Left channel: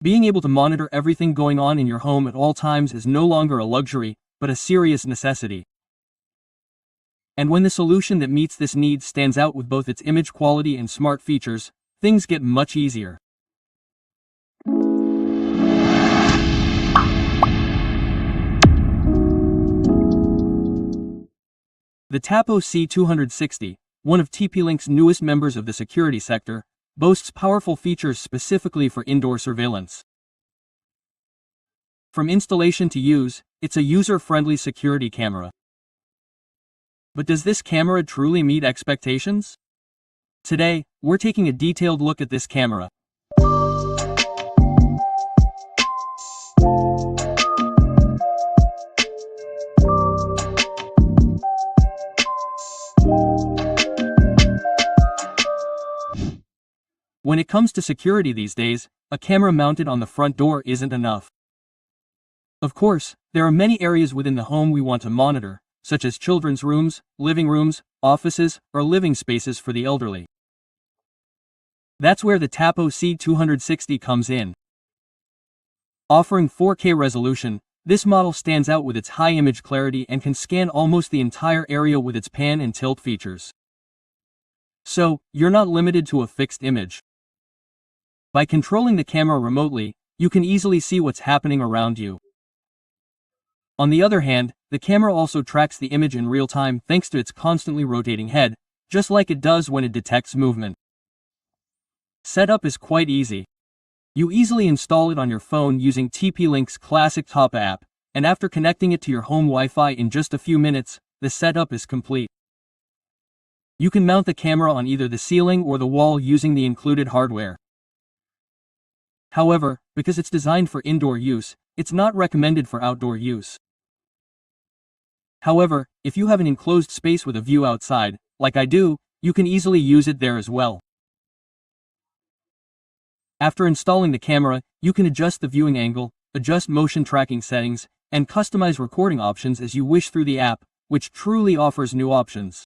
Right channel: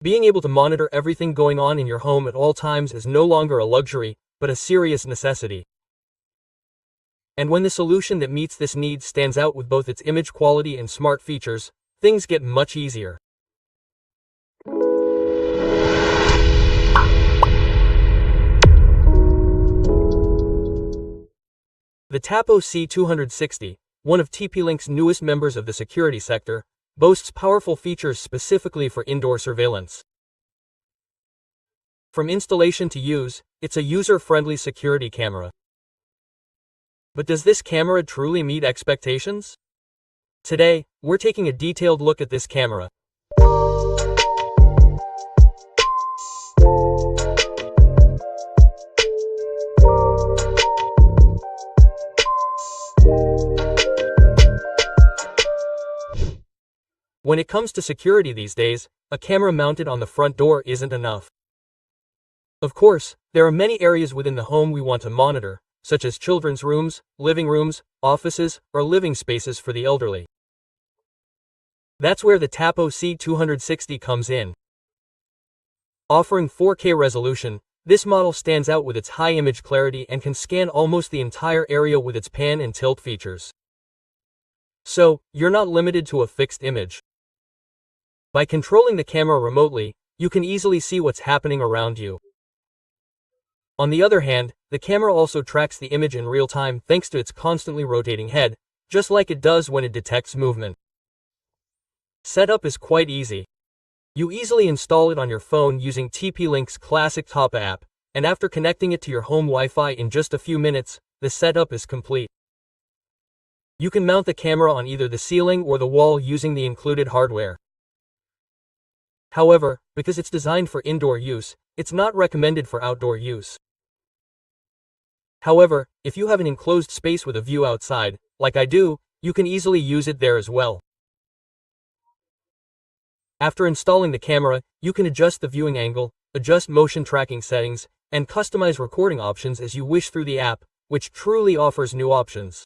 Being able to monitor everything going on in your home at all times is no longer a luxury, but a serious necessity. And when the solution that meets this need stands out with both its image quality and smart features, things get much easier. The Tapo C260, one of TP-Link's newest members of the security sector, boasts powerful features specifically for indoor surveillance. From installation to use, it's a user-friendly security camera. But does this camera truly meet expectations? Today, we're taking a detailed look at this camera. When it comes to security these days, a camera mounted on the front door isn't enough. Of course, there are many areas within the home we want to monitor, such as children's rooms, living rooms, offices, or living spaces for the elderly. That's where the Tapo C260 comes in. Offering 4K resolution, this model stands out with its high image clarity and can scan almost the entire area with its pan and tilt features. So, you're not limited to a fixed image. By controlling the camera remotely, you can easily see what's happening around you. On the other hand, the camera also tracks the image in real time thanks to its constantly rotating head, just like it does when it detects movement. Setup is quite easy. You easily install it on your phone using TP-Link's classic Tapo app, and after connecting it to your home Wi-Fi in just a few minutes, the setup is complete. You can mount the camera on either the ceiling or the wall using the included hardware. However, because it's designed for indoor use, it's not recommended for outdoor use. However, if you have an enclosed space with a view outside, like I do, you can easily use it there as well. After installing the camera, you can adjust the viewing angle, adjust motion tracking settings, and customize recording options as you wish through the app, which truly offers new options.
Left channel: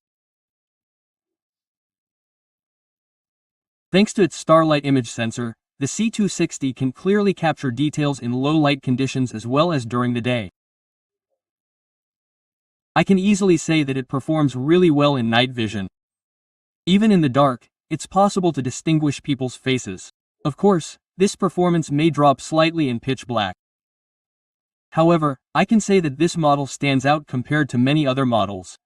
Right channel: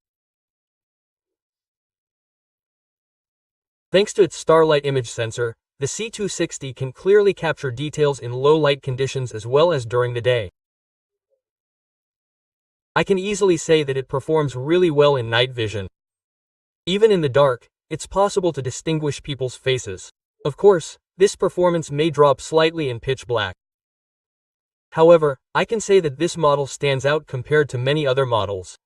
Thanks to its starlight image sensor, the C260 can clearly capture details in low light conditions as well as during the day. I can easily say that it performs really well in night vision. Even in the dark, it's possible to distinguish people's faces. Of course, this performance may drop slightly in pitch black. However, I can say that this model stands out compared to many other models.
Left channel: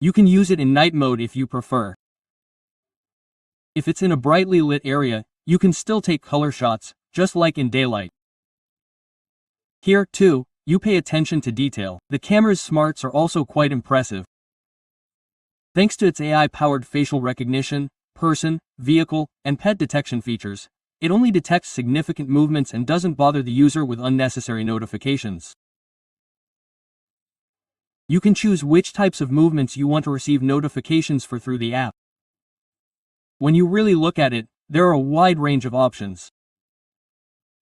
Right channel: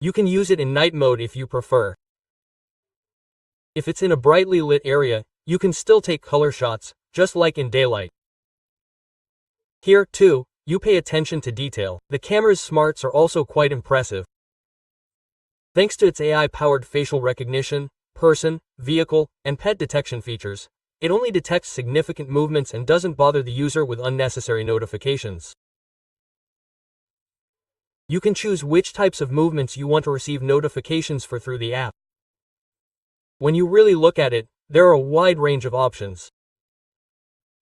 You can use it in night mode if you prefer. If it's in a brightly lit area, you can still take color shots, just like in daylight. Here, too, you pay attention to detail. The camera's smarts are also quite impressive. Thanks to its AI-powered facial recognition, person, vehicle, and pet detection features, it only detects significant movements and doesn't bother the user with unnecessary notifications. You can choose which types of movements you want to receive notifications for through the app. When you really look at it, there are a wide range of options.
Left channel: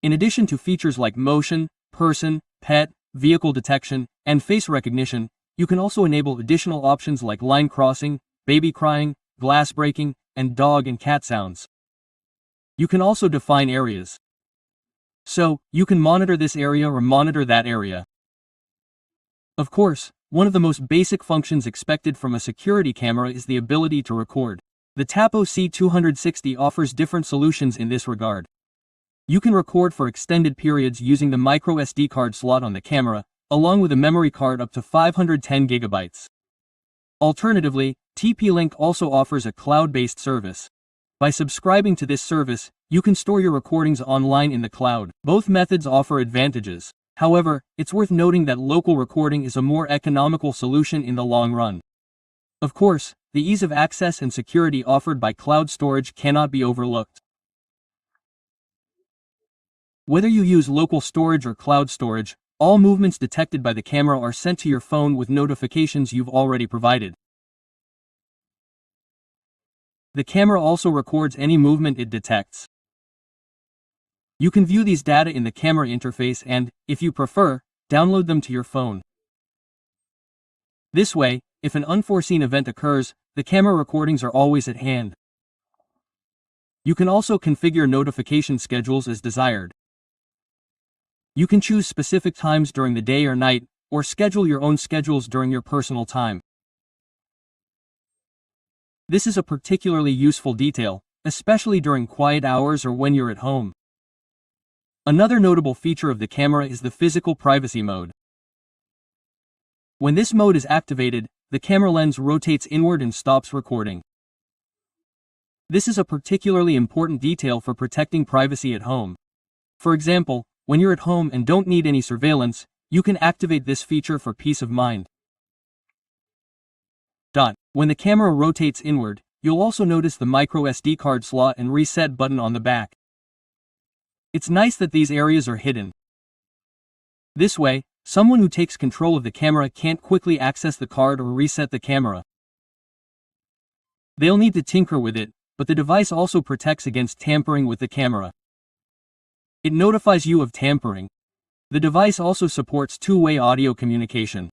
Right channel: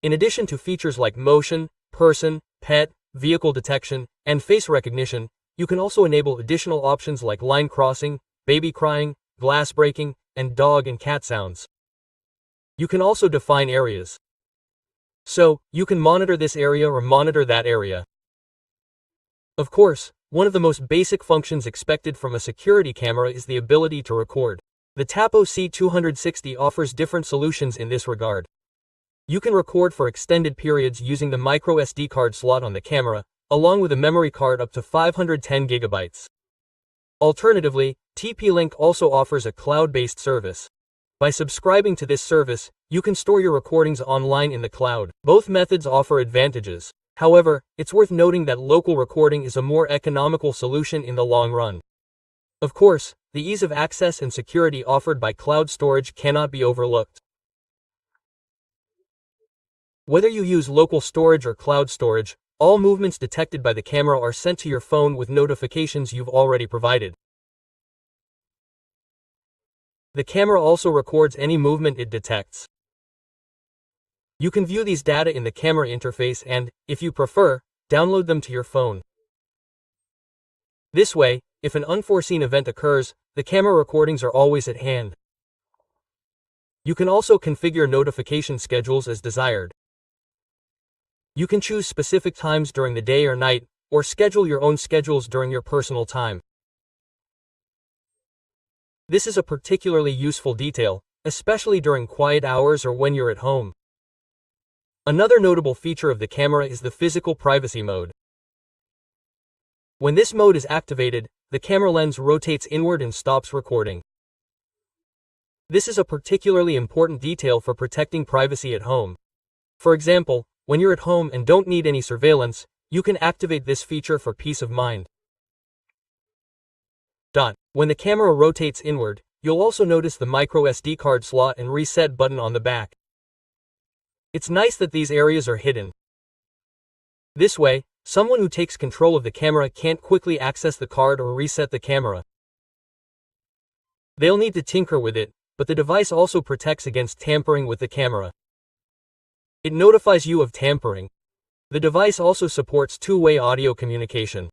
In addition to features like motion, person, pet, vehicle detection, and face recognition, you can also enable additional options like line crossing, baby crying, glass breaking, and dog and cat sounds. You can also define areas. So, you can monitor this area or monitor that area. Of course, one of the most basic functions expected from a security camera is the ability to record. The Tapo C260 offers different solutions in this regard. You can record for extended periods using the micro SD card slot on the camera, along with a memory card up to 510 GB. Alternatively, TP-Link also offers a cloud-based service. By subscribing to this service, you can store your recordings online in the cloud. Both methods offer advantages. However, it's worth noting that local recording is a more economical solution in the long run. Of course, the ease of access and security offered by cloud storage cannot be overlooked. Whether you use local storage or cloud storage, all movements detected by the camera are sent to your phone with notifications you've already provided. The camera also records any movement it detects. You can view these data in the camera interface and, if you prefer, download them to your phone. This way, if an unforeseen event occurs, the camera recordings are always at hand. You can also configure notification schedules as desired. You can choose specific times during the day or night, or schedule your own schedules during your personal time. This is a particularly useful detail, especially during quiet hours or when you're at home. Another notable feature of the camera is the physical privacy mode. When this mode is activated, the camera lens rotates inward and stops recording. This is a particularly important detail for protecting privacy at home. For example, when you're at home and don't need any surveillance, you can activate this feature for peace of mind. When the camera rotates inward, you'll also notice the micro SD card slot and reset button on the back. It's nice that these areas are hidden. This way, someone who takes control of the camera can't quickly access the card or reset the camera. They'll need to tinker with it, but the device also protects against tampering with the camera. It notifies you of tampering. The device also supports two-way audio communication.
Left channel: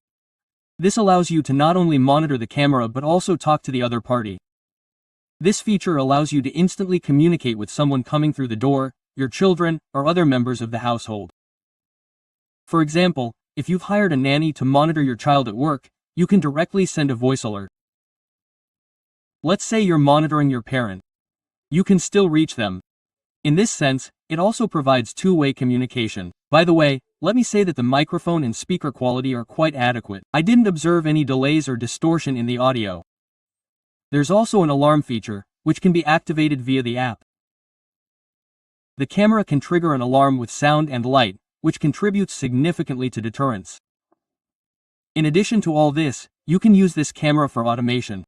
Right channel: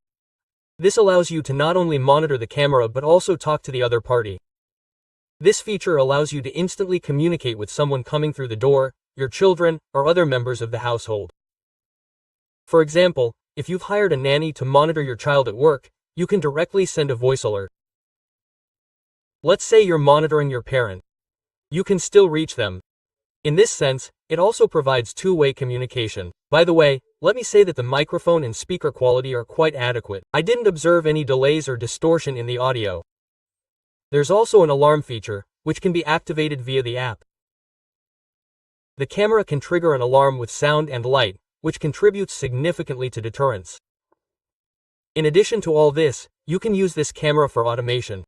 This allows you to not only monitor the camera but also talk to the other party. This feature allows you to instantly communicate with someone coming through the door, your children, or other members of the household. For example, if you've hired a nanny to monitor your child at work, you can directly send a voice alert. Let's say you're monitoring your parent. You can still reach them. In this sense, it also provides two-way communication. By the way, let me say that the microphone and speaker quality are quite adequate. I didn't observe any delays or distortion in the audio. There's also an alarm feature, which can be activated via the app. The camera can trigger an alarm with sound and light, which contributes significantly to deterrence. In addition to all this, you can use this camera for automation.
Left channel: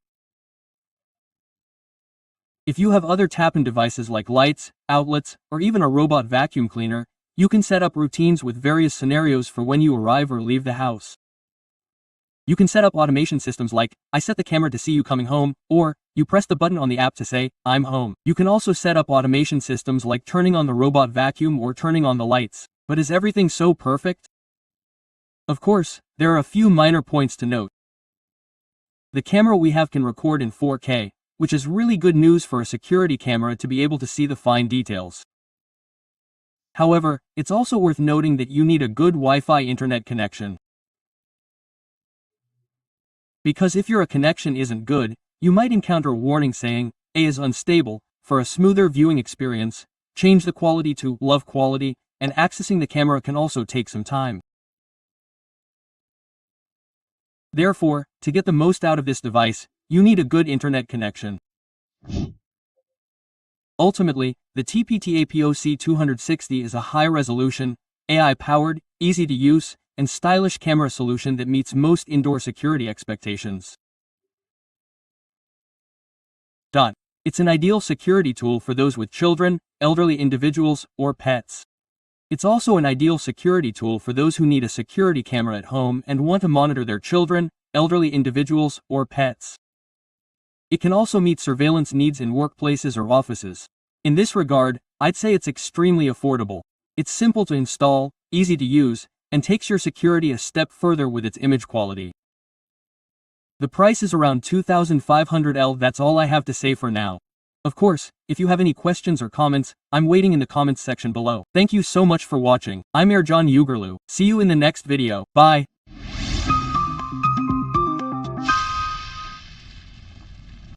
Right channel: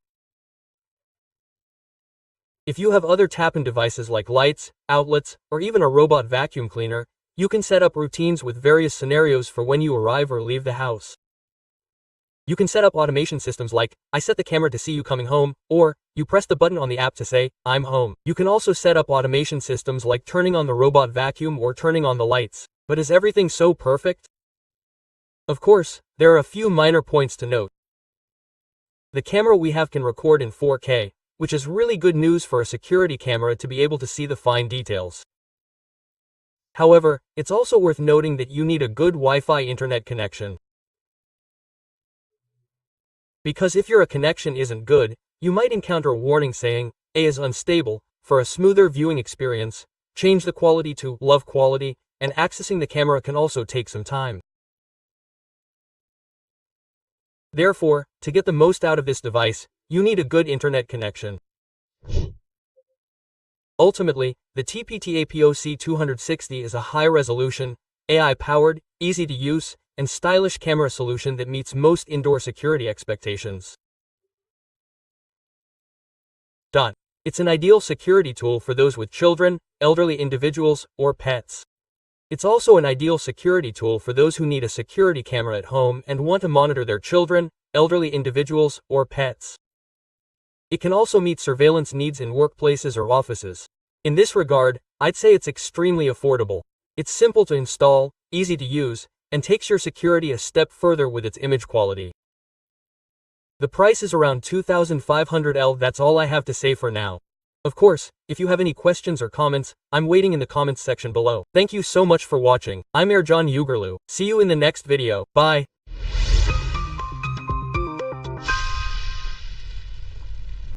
If you have other tap-in devices like lights, outlets, or even a robot vacuum cleaner, you can set up routines with various scenarios for when you arrive or leave the house. You can set up automation systems like, I set the camera to see you coming home, or, you press the button on the app to say, I'm home. You can also set up automation systems like turning on the robot vacuum or turning on the lights. But is everything so perfect? Of course, there are a few minor points to note. The camera we have can record in 4K, which is really good news for a security camera to be able to see the fine details. However, it's also worth noting that you need a good Wi-Fi internet connection. Because if your connection isn't good, you might encounter a warning saying, A is unstable. For a smoother viewing experience, change the quality to low quality, and accessing the camera can also take some time. Therefore, to get the most out of this device, you need a good internet connection. Ultimately, the Tapo C260 is a high-resolution, AI-powered, easy-to-use, and stylish camera solution that meets most indoor security expectations. It's an ideal security tool for those with children, elderly individuals, or pets. It's also an ideal security tool for those who need a security camera at home and want to monitor their children, elderly individuals, or pets. It can also meet surveillance needs in workplaces or offices. In this regard, I'd say it's extremely affordable. It's simple to install, easy to use, and takes your security a step further with its image quality. The price is around $2,500. That's all I have to say for now. Of course, if you have any questions or comments, I'm waiting in the comments section below. Thank you so much for watching. I'm Ercan Uğurlu. See you in the next video. Bye.